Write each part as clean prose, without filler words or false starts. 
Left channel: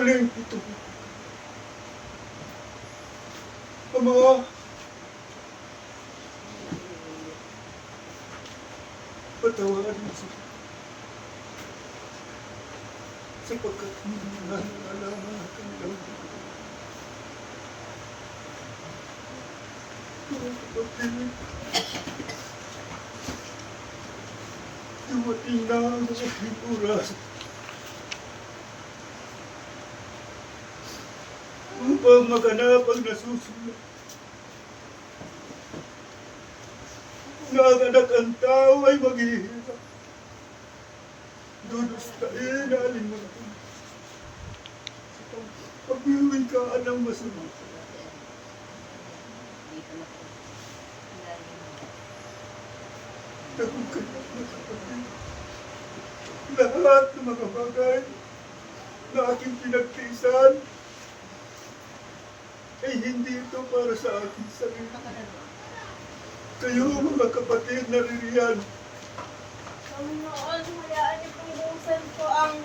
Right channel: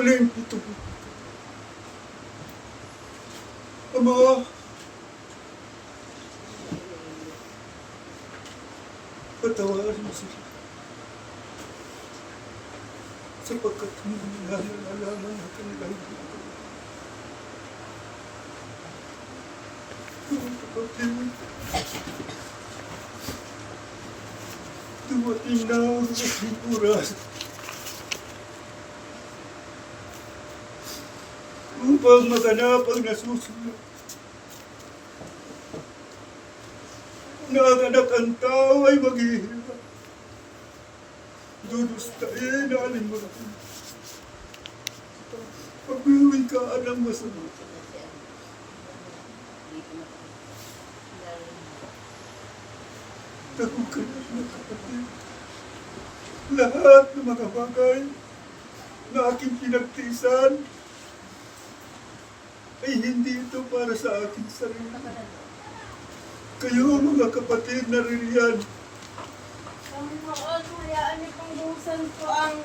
huling ito. Ama, patawarin mo sila. Sapagkat hindi nila nalalaman ang kanilang buhay. Mga kapatid, dumating na ang aking oras upang maganap ang nasusunod. Na ang anak ang tao ay maghihirap. Dudustain na alimunan. Pag-uwing ka ng masama. Takot ka na mga kapatid. Lahat ng mga bagay na aking pinagtiisan ay hindi ito para sa aking sarili. Kayo mga kapatid na ririyan. Panginoon, hayaan niyo pong buhusan ko ang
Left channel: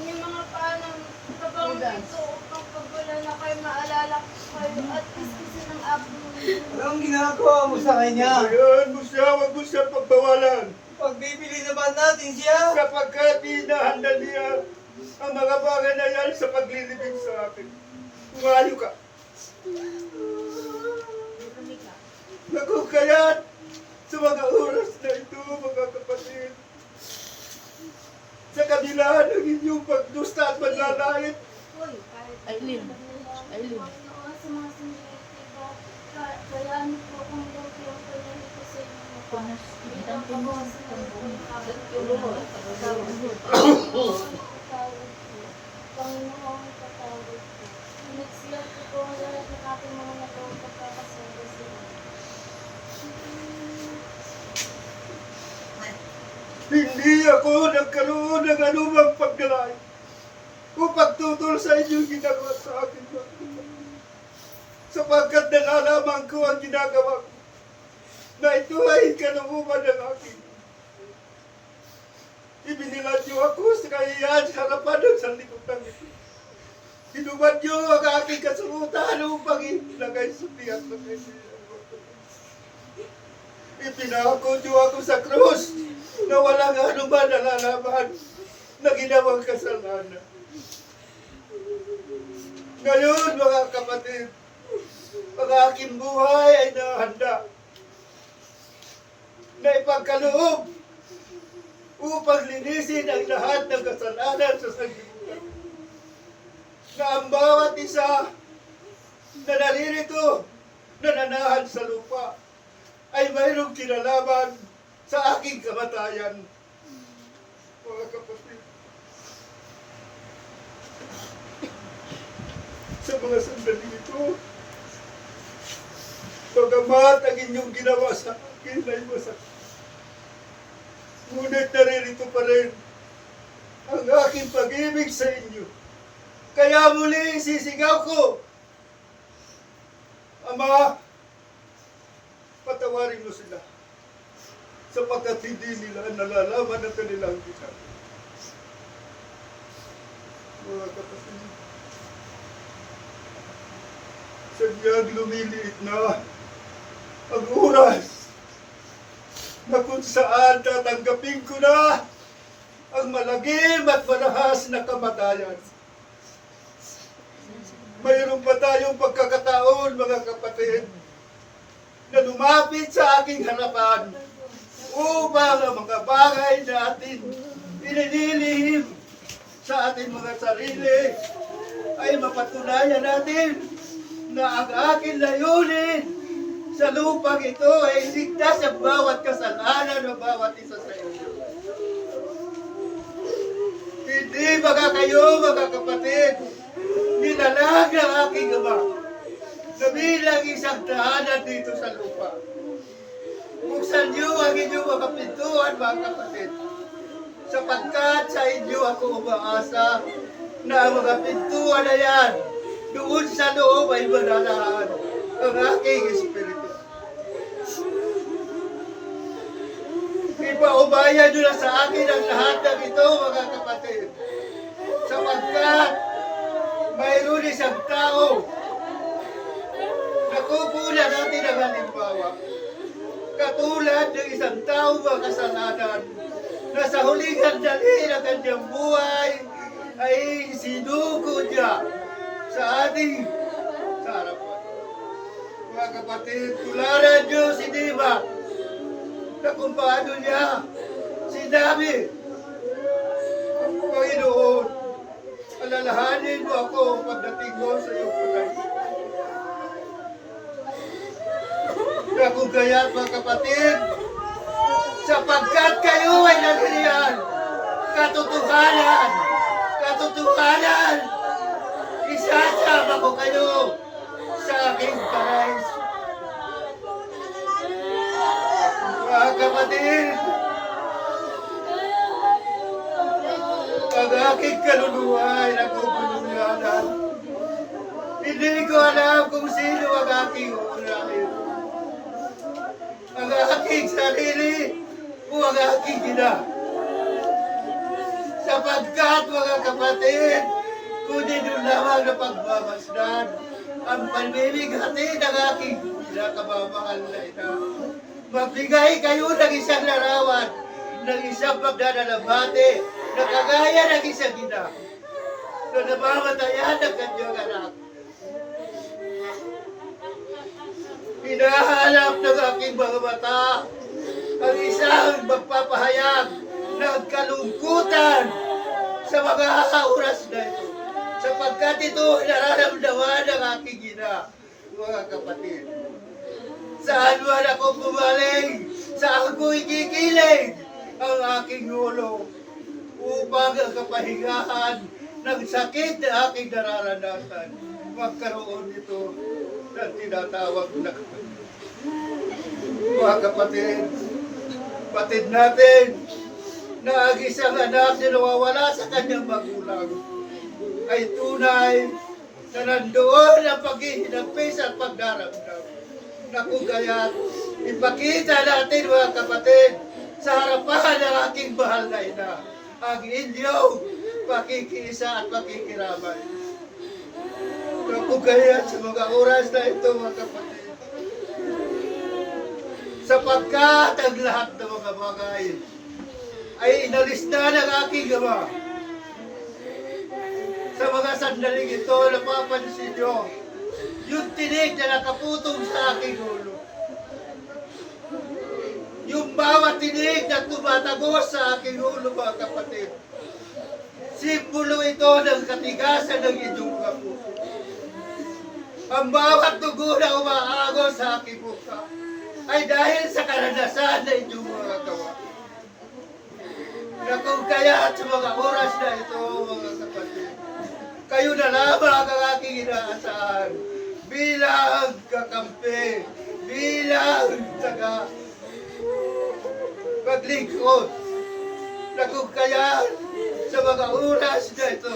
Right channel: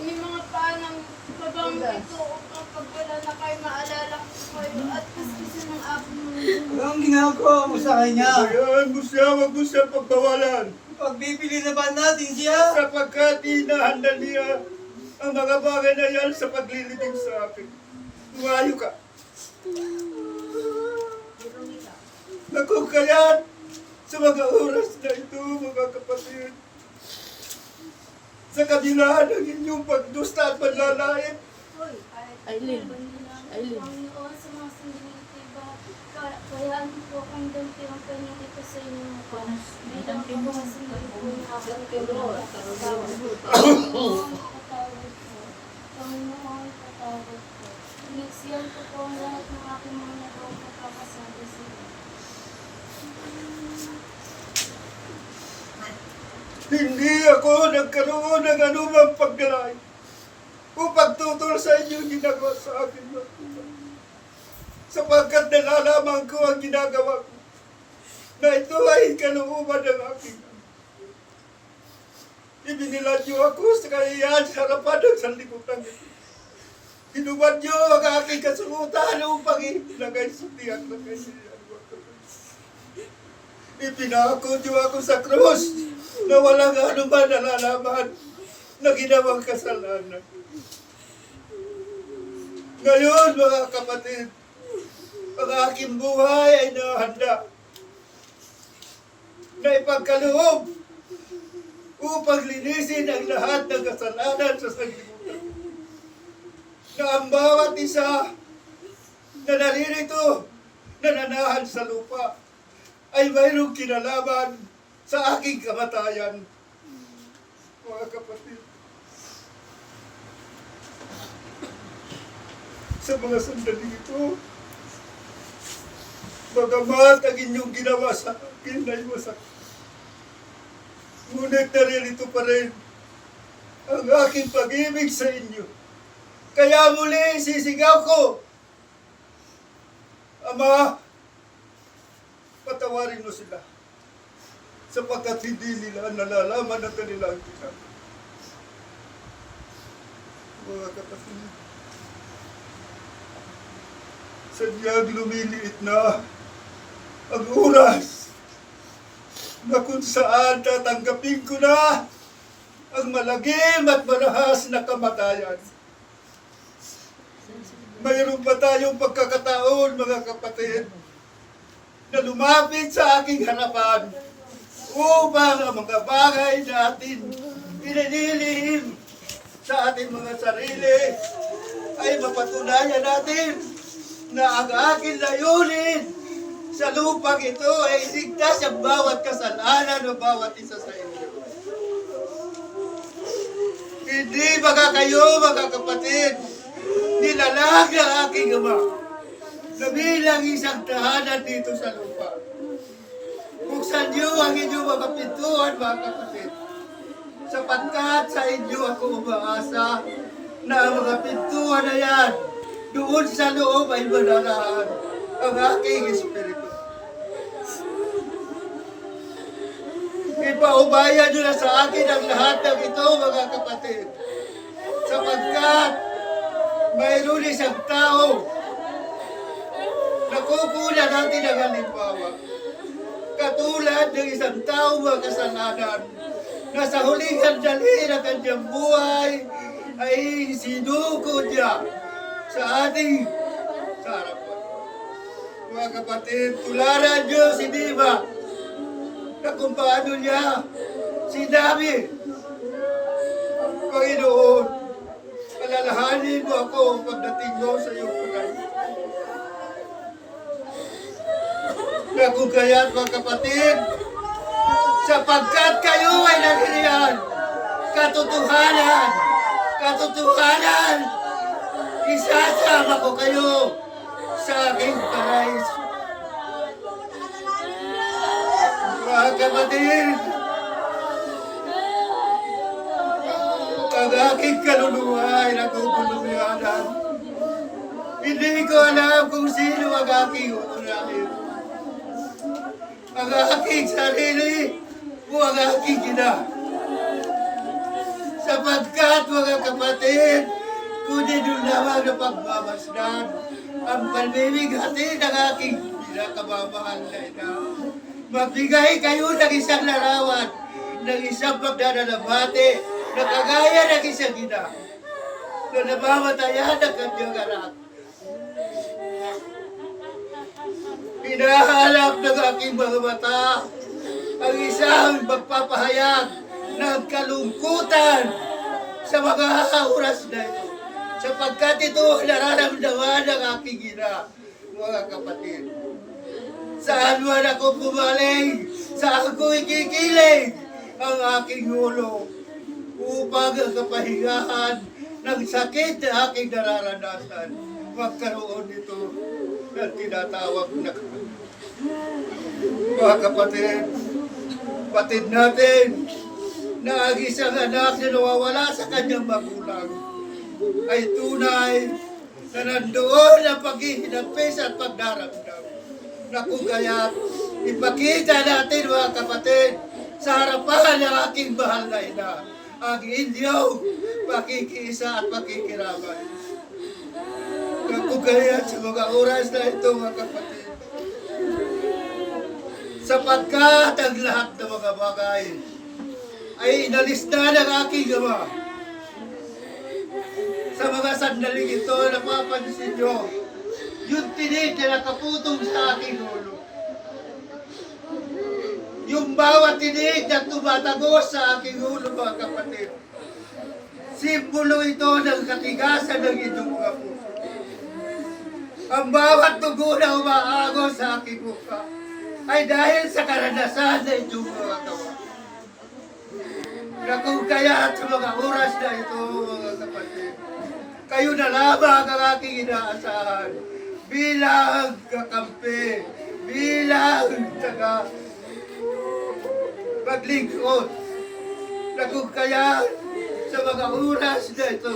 may mga panang labang ito upang pagwala na kayo maalala ko kayo at kaskisin ng apo mo. Anong ginagawa mo sa kanya? Hayaan mo siya, huwag mo siya pagbawalan. Pagbibili naman natin siya. Sapagkat hinahanda niya ang mga bagay na yan sa paglilibing sa akin. Umayo ka. Naku, kaya't sa mga oras na ito, mga kapatid, sa kabila ng inyong pagdusta at panlalait, Aileen. Panginoon, sa mga sindinitiba, hayaan niyo po kung dampi ang kanyang ito sa inyong mukha. Bilang po mga sindinitiba, Panginoon, patawad po. Iniksiyan ko po ang lahat ng aking mga nagawang pagkakasabi sa inyo. hindi ako nagkaroon ng anumang pagdalay upang tutol sa inyong ginagawa sa akin. Sapagkat nalalaman ko ang ginagawa ko na ito ay kalooban ng aking. Ibinilan niyo ako sa kahiyan sa harapan ng sanlibutan ito. Hinubad niyo ang aking kasungutan upang ilagay sa tiyak na kahiyan. Ipinako niyo ako sa krus na walang anuman nalalaman na ginawang kasalanan. Ngayon, mga kapatid, ang aking buhay ay nahanda na ipagkaloob upang linisin ang lahat ng kasalanan sa sanlibutan. Na ang bawat isa na naririto, nananahan sa lupa, ay mayroong kinalaman sa aking kamatayan. Mga kapatid, sa mga sandali ito, bagamat ang inyong ginawa sa akin ay masakit, ngunit naririto pa rin ang aking pag-ibig sa inyo. Kaya muli sisigaw ko, Ama, patawarin mo sila sapagkat hindi nila nalalaman ang kanilang ginagawa. Mga kapatid, sadyang lumiliit na ang oras na kung saan tatanggapin ko na ang malagim at marahas na kamatayan. Mayroon pa tayong pagkakataon, mga kapatid, na lumapit sa aking harapan upang ang mga bagay na atin pinililihim sa ating mga sarili ay mapatunayan natin na ang aking layunin sa lupang ito ay ligtas ang bawat kasalanan ng bawat isa sa inyo. Hindi baka kayo, mga kapatid, nilalag ng aking Ama na bilang isang tahanan dito sa lupa. Buksan niyo ang inyong mga pintuan, mga kapatid, sapagkat sa inyo ako umaasa na ang mga pintuan na yan, doon sa loob ay manalaan ang aking Espiritu. Ipaubayan niyo na sa akin ang lahat ng ito, mga kapatid, sapagkat mayroon isang tao na kukunan natin ang halimbawa. Katulad ng isang tao makasalanan na sa huling handali ng kanyang buhay ay sinuko niya sa ating harapan. Mga kapatid, tularan niyo si Diva na kung paano niya sinabi, Panginoon, alalahanin mo ako pagdating mo sa iyong pagkain. Na kung kaya't mga kapatid, sapagkat kayo ay naniriyan, katotohanan, isasama ko kayo sa aking paraiso. Mga kapatid, ang aking kaluluwa ay naguguluyanan. Hindi ko alam kung sino ang aking uunahin. Ang aking sarili o ang aking ina. Sapagkat mga kapatid, kundi doon lamang na pagmamasdan ang palmimigati ng aking pinakamamahal na ina. Magbigay kayo ng isang larawan, ng isang pagdadalabate, na kagaya ng isang ina na namamatayan ng kanyang anak. Hinahanap ng aking mga mata ang isang magpapahayag ng kalungkutan sa mga oras na ito. Sapagkat ito nararamdaman ng aking ina, mga kapatid. Saan man ako pumaling, saan ko ikikilig ang aking ulo upang ang kapahingahan ng sakit na aking nararanasan magkaroon nito ng tinatawag na mga kapatid, patid natin na ang isang anak na nawawala sa kanyang magulang ay tunay na nandoon ang paghihinapis at pagdaramdam. Na kung kaya't ipakita natin mga kapatid sa harapan ng aking mahal na ina ang inyong pakikiisa at pakikiramay. Na kung kaya't sa mga oras na ito mga kapatid, sapagkat ang lahat ng mga bagay ay inalis na ng aking ama. Sa mga sandaling ito, napapansin nyo, yung tinig na nakaputong sa aking ulo. Yung bawat tinig na tumatagos sa aking ulo, mga kapatid. Simbolo ito ng katigasan ng inyong mga puso. Ang bawat dugo na umaagos sa aking mukha ay dahil sa karanasan na inyong mga gawa. Na kung kaya sa mga oras na ito, mga kapatid, kayo na lamang ang aking inaasahan bilang kakampi, bilang taga paglingkod. Na kung kaya sa mga oras na ito,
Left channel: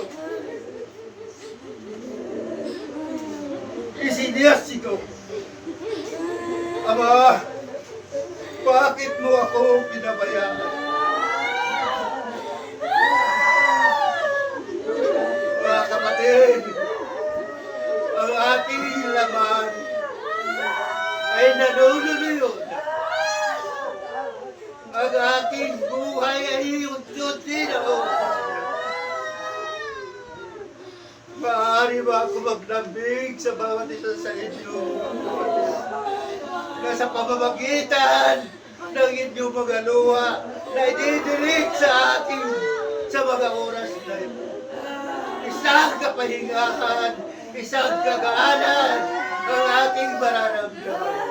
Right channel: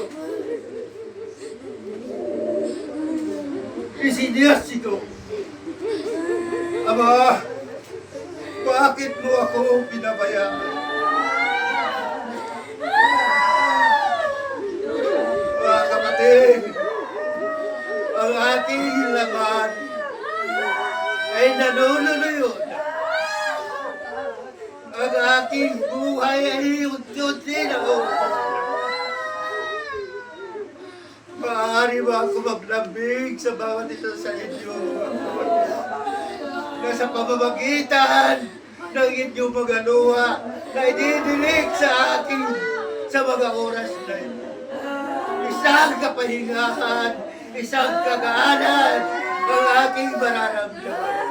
isiniyas ito. Ama, bakit mo ako pinabayaan? Mga kapatid, ang aking laman ay nanululuyon. Ang aking buhay ay unti-unti na maaari ba ako maglambing sa bawat isa sa inyo? Na sa pamamagitan ng inyong mga luha na ididilig sa akin sa mga oras na ito. Isang kapahingahan, isang kagaanan ang aking mararamdaman.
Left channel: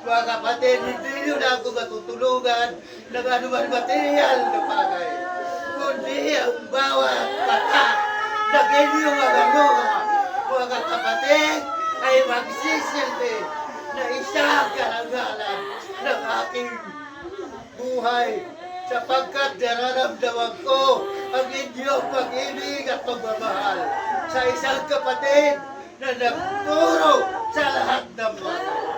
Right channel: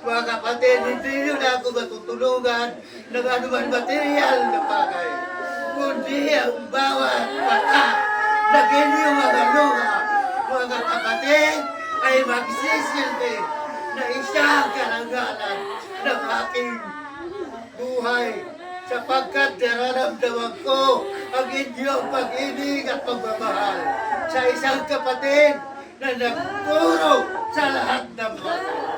Mga kapatid, hindi nyo na ako matutulungan ng anuman material na bagay, kundi ang bawat mata, maging yung mga luha, mga kapatid, ay magsisilbi na isang karangalan ng aking buhay sapagkat nararamdaman ko ang inyong pag-ibig at pagmamahal sa isang kapatid na nagpuro sa lahat ng bagay.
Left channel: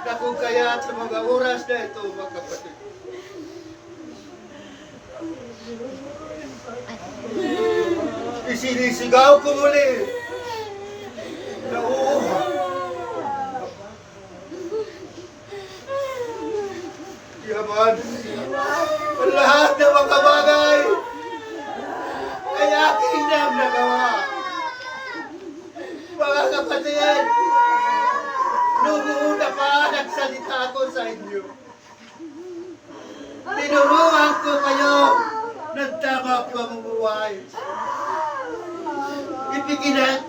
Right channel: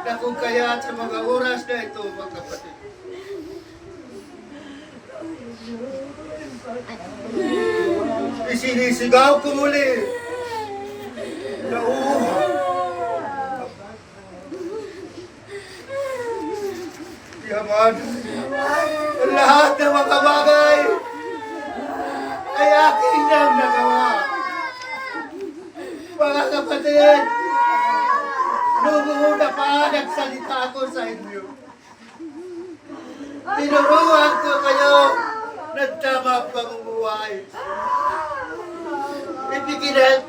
Na kung kaya sa mga oras na ito, mga kapatid, Isinisigaw ko muli na Yaman, lahat ng mga bagay ay aking nang nagawa. Mga kapatid, noong una pa nagsalita ako sa inyo. Tinuruan ko kayo ng tamang pamumuhay.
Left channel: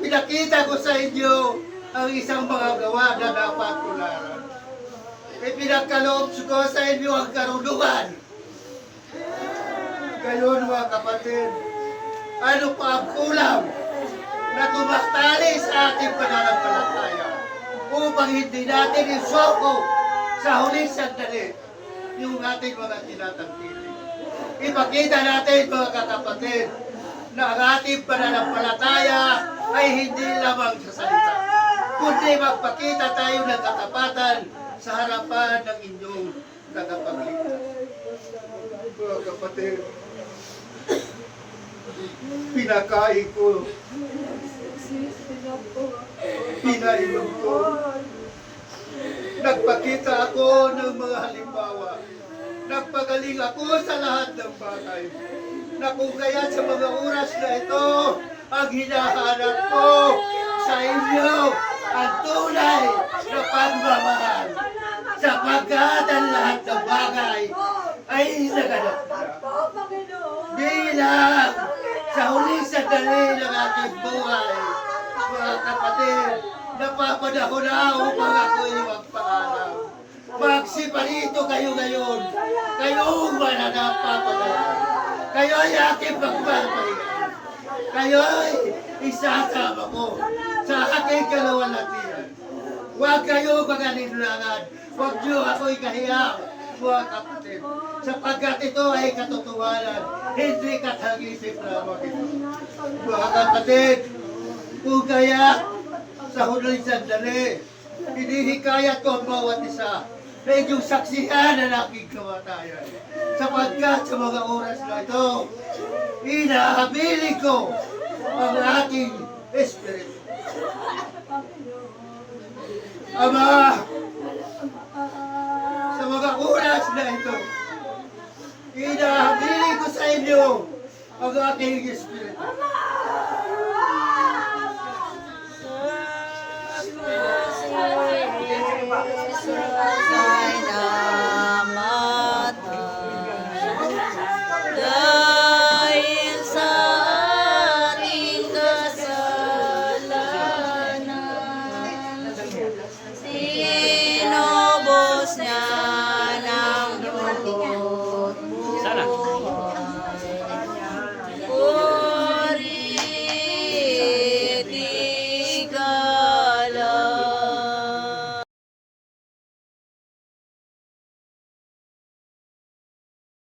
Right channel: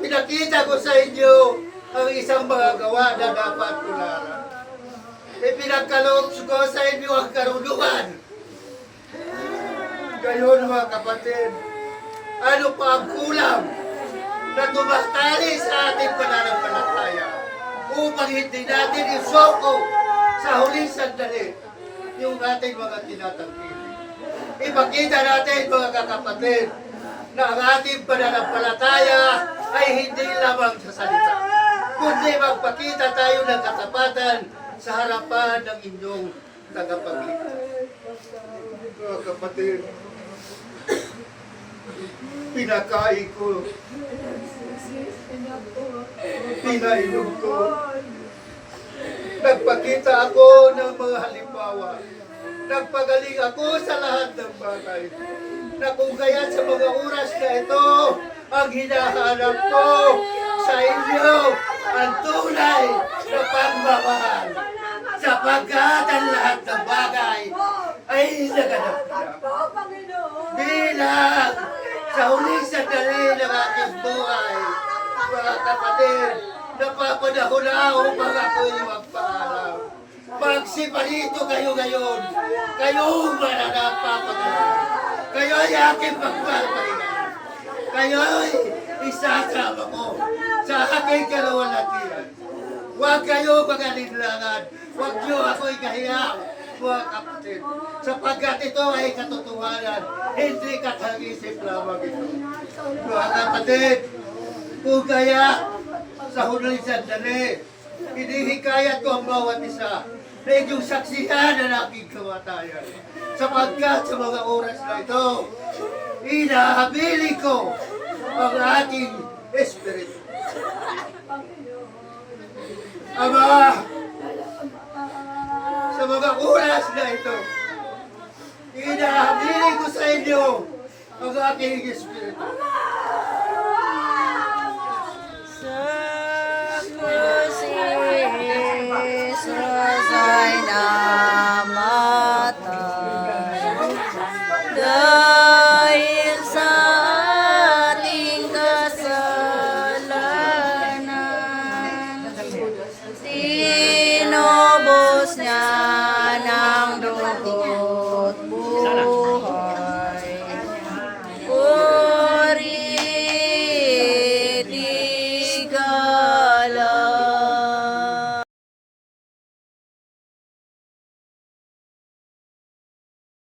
Pinakita ko sa inyo ang isang mga gawa na dapat tularan. Ipinagkaloob ko sa inyo ang karunungan. Gayon mga kapatid, ano pa ang kulang na tumatali sa ating pananampalataya upang hindi natin isoko sa huling sandali yung ating mga tinatangkili. Ipakita natin mga kakapatid na ang ating pananampalataya ay hindi lamang sa salita, kundi magpakita tayo ng katapatan sa harapan ng inyong tagapagligtas. Mga kapatid, pinakain ko, pinainom ko, nagpakita ako ng mga halimbawa, nagpagaling ako sa lahat ng bagay, na kung kaya sa mga oras na ito, ang hinahanap ko sa inyo, ang tunay na pagmamahal, sapagkat ang lahat ng bagay ay naganap na. Bilang sa huling sandali ng aking buhay, mga kapatid, napapanahon na upang ako'y magpaalam. Magsiparito kayo ngayon, kayong mananapapagalan. Kayo ay aking pagpapahingan. Kayo ay isasama ko sa aking kalawalatian. Huwag kayo mag-alinlangan. Huwag niyo ako'y kahiyang, mga kapatid. Sapagkat ito ay katotohanan, hindi katag-isip lamang ito. Mga kapatid, kung kaya sa huling sandali, hinihikayat ko ang bawat isa na inyong saksihan ang aking kamatayan. Sapagkat sa mga oras na ito, inahabili ko ang aking espiritu. Ama, sa mga oras na ito, inahabili ko sa inyo ang aking espiritu.